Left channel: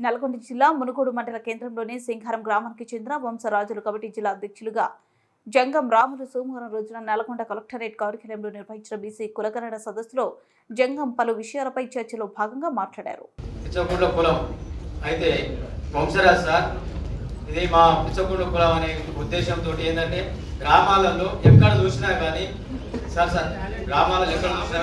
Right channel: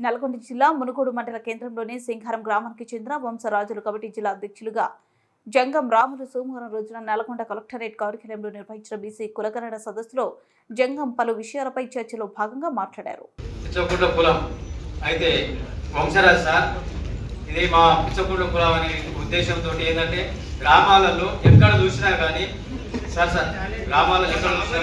నల్గొండ జిల్లా మునుగోడు మండల కేంద్రంలోని సింహారం గ్రామానికి చెందిన వంశరాజులు కమిటీ జిల్లా అధ్యక్షులుగా జంగం రాములు సోమవారం రోజున నల్గొండ కలెక్టరేట్ కార్యాలయంలో నిర్వహించిన బీసీ కులగణన సదస్సులో జంగం పలు విషయాలపై చర్చలో భాగంగా మాట్లాడారు. కులం అయితే సార్ ఇది మా కులం అనే ఉద్దేశంతో ఏంటంటే గ్రామాలలో ఎక్కడ చూసినా కానీ సార్ సార్ గ్రామాలలో ఎక్కడ చూసినా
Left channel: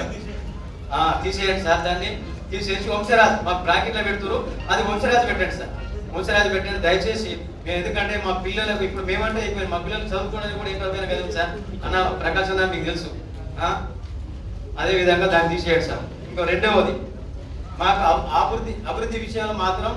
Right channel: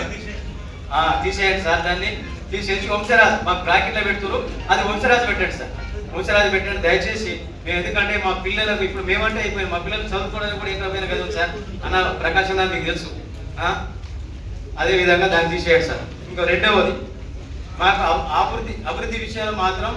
తీసేయండి సార్ దాన్ని. తీసేసి వంశరాజు మా బ్రాకెట్లో పెడుతురు అది వంశరాజు పెట్టండి సార్. వంశరాజు పెట్టండి. దయచేసి మేము ఎందుకంటే మా పిల్లలకు ఇప్పుడు మేమంటే మేము మా పిల్లలు చదువుకోవడానికి కూడా ఎక్కడ కదా సార్ అన్న ప్రకాశం గారు మీకు తెలుసు. అదేవిధంగా అదే విధంగా దాన్ని తీసేయండి సార్. ఇంకా రెండవది మాకు అబ్- అభివృద్ధి అభివృద్ధి విషయాలు మాత్రం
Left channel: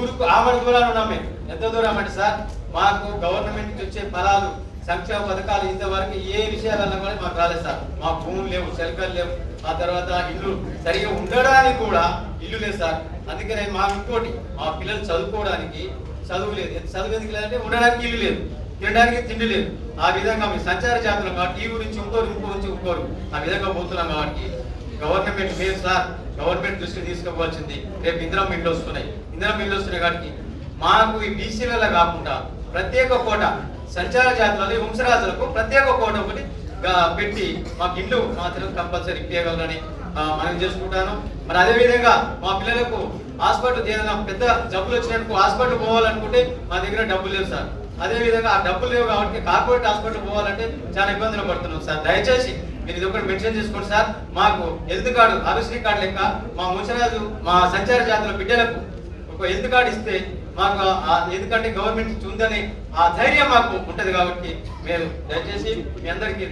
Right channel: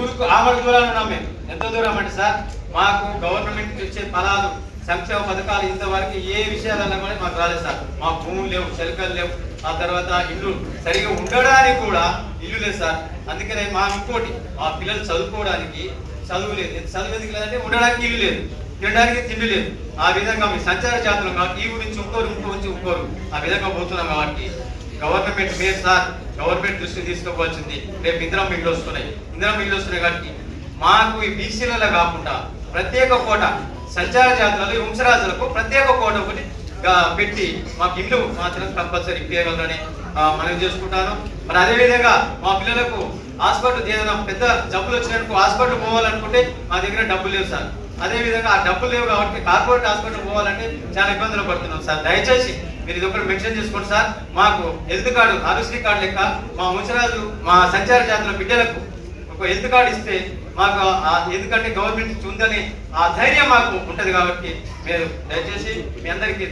ఊరుకు ఆమె దూరాలు ఉన్నాం మేము. ఎంత దూరం అంటే సార్ మాకు గవర్నమెంట్ నుంచి వచ్చే ఫలాలు సంక్షేమ పథకాలు ఇంతవరకు ఏ విషయాలన్నా కూడా మాకు రాలేదు సార్. మా భూములు లేవు చెలకలు లేవు. ఆ తర్వాత ఇల్లు సరిగా ఉండడానికి కూడా ఇల్లు లేదు సార్. అందుకనే మా ఇంకోటి మా పిల్లలు చదువుకోవడానికి చదువు లేదు. చదువు ఎందుకు లేదంటే ఉండడానికి ఇల్లు లేదు. తినడానికి తిండి లేదు. ఆ విధంగా మీ సంచార జాతులు కాబట్టి ఈ గురించి ఇంకోరు ఇంకో నుంచి ఇంకోరు ఆ విధంగా పోతున్నాం కాబట్టి గవర్నమెంట్ మీరు సార్ గవర్నమెంట్ దృష్టికి తీసుకోవాల్సింది రేపు ఇందిరా మిగిలి వస్తున్నాయి. ఇందిరా మిగిలి వస్తున్నాయి కాబట్టి మాకు ఈ బీసీలలో కాకుండా ప్రత్యేక కోట. సంచార జాతులకు ఈ వంశరాజులకు ప్రత్యేక కోట ఒకటి పెట్టి మాకు ఇల్లు మాత్రం కంపల్సరీ ఇప్పగలరని మనం చేసుకుంటాను. మరి అదేవిధంగా మా పిల్లలకు హాస్పిటల్ ఏదైనా పెద్ద జబ్బులు వచ్చినట్టు హాస్పిటల్ పోవాలనుకుంటే మా దగ్గర డబ్బులు లేవు సార్. అదేవిధంగా ఆ డబ్బులు లేవు కాబట్టి కార్పొరేట్ హాస్పిటల్ పోవాలంటే చాలా ఇబ్బందులు పడుతున్నాం సార్. దయచేసి మీరు ఇది ఒకటి మెన్షన్ చేసుకోండి సార్. మాకు హెల్త్ కార్డు ఆరోగ్యశ్రీ కార్డు లెక్క మా ముసరాజు మా సంచార జాతుల బిడ్డలకు ఒక హెల్త్ కార్డు ఇస్తే మాకు ఎందుకంటే గవర్నమెంట్ నుంచి ఉందని ఆ ధైర్యం మాకు ఉంటది కాబట్టి మీరు దయచేసి మీ అందరికీ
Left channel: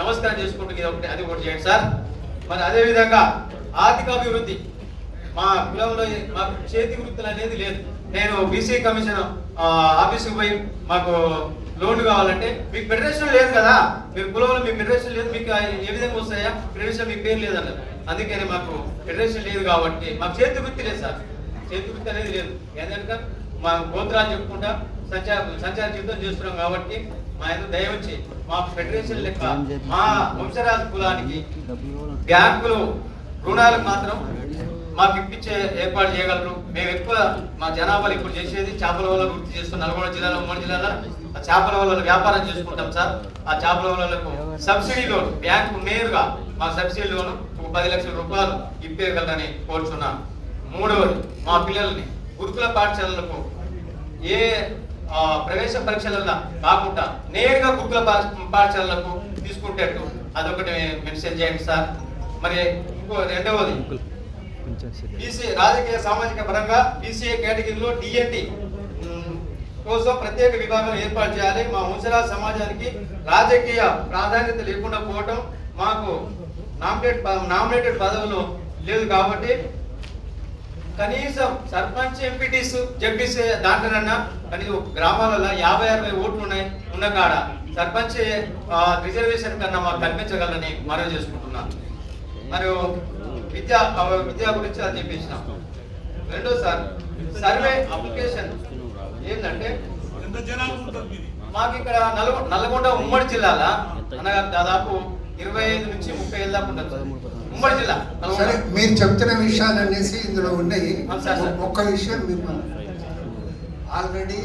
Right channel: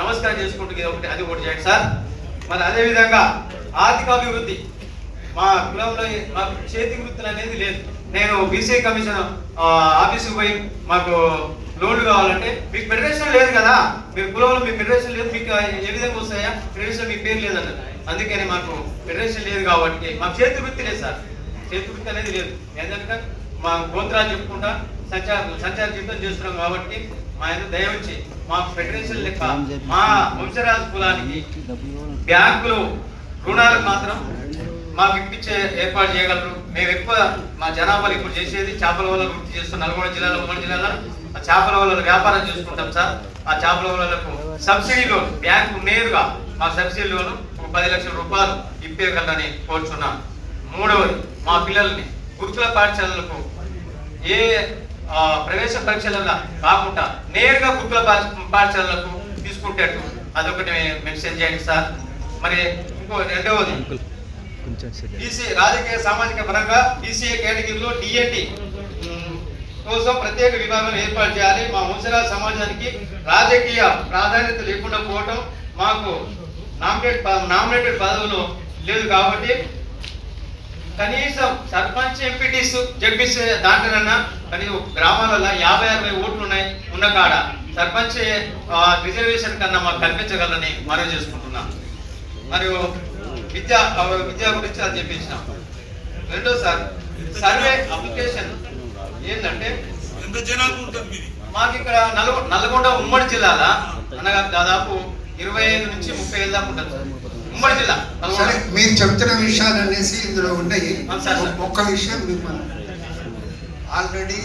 నమస్కారం చేసుకుంటూ ఇది ఒకటి అది ఒకటి చేయండి సార్. మరి అదే విధంగా ఆర్థిక అభివృద్ధి. మా కులంలో మాకు చేతి వృత్తులు అనేది లేదు. నేను బీసీ కమిషన్ ఆఫీస్కి పోయి మాకు లోన్లు కావాలంటే మీకు ఫెడరేషన్ లేదు కదా. మీ కులంలో మీ ఫెడరేషన్ లేదు మీకు ఏ విధంగా వస్తాయా? ఫెడరేషన్ మీ పేరు లేదన్న అందుకని మాకు ఫెడరేషన్ లేదు కాబట్టి మాకు చేతి వృత్తి లేదు సార్. చేతి వృత్తి అనేది లేదు. ఏంటంటే మా గోత్రాలు చెప్పుకుంటా సంచార సంచార జీవితం చేస్తున్నాం కాబట్టి మా ఆయన దయవచ్చి మా ఫెడరేషన్ లెక్క మా వంశరాజు కులానికి బ్యాంకులు రుణాలు మాత్రం మాకు ఇప్పించే ఏర్పాటు చేయగలరు. మేము ఎక్కువ మా జనాభాలు ఇప్పుడు చేసేది చేపల వల్ల వృత్తి చేస్తున్న నల్గొండ జిల్లాలో ఉమ్మడి జిల్లాలో ఆ చేపల వల్ల వ్యాపారం చేసుకుంటాం సార్. ఆ చేపల వలలకు సబ్సిడీ లోన్ బ్యాంకు నేరుగా మా సబ్సిడీ లోన్ ఒక పది లక్షల రూపాయలు ఇప్పేయగలరని కోరుచున్నాను మూడవది మా పిల్లల్ని గురుకుల పాఠశాలలకు ఏ ప్రవేశ పరీక్షలలో కాకుండా నేరుగా గురుకుల పాఠశాలలకు తీసుకుంటేట్టు అదొకటి మెన్షన్ చేయండి సార్. మరి ఇంకో రెండవది. బీసీ రాజకీయ సామాజిక పరంగా బీసీఏ కేటగిరీలో డిఎన్టీ కోసం ప్రత్యేక విభాగం ఏర్పాటు చేయాలి. మా ముసలా సమాజానికి రాజకీయ ప్రాధాన్యత లేకుండా పోవటం మాకు నామినేట్ నామినేటెడ్ పదవులు లేదు కాబట్టి కనీసం సర్పంచ్ ఎంపీటీస్ జడ్పీస్ దాంట్లోనన్నా కనీసం గ్రామాలలో యాభై అరవై ఓట్లు ఉన్నాయి ఉన్న కాడ సర్పంచ్ ఆ, రిజర్వేషన్ కన్నా మాకు కల్పించగలని మనవి చేసుకుంటున్నాం. మరియు విద్యా విద్య గురించి అది చెప్పించిన రెండో సార్ సర్వే అప్లికేషన్ ఏంటంటే మాకు ఇక్కడ నల్గొ నల్గొండ ఉమ్మడి జిల్లాల అనగా దాదాపు ఇరవై ఐదు నుంచి ముప్పై ఏళ్ళ దాకా ఉంటుంది ఉమ్మడి జిల్లా. సరే మీరు చెప్తున్న విషయాలు అనేసి ఇందులో ఉన్నాయి. ఒక్క విషయం మిమ్మల్ని ఆల్రెడీ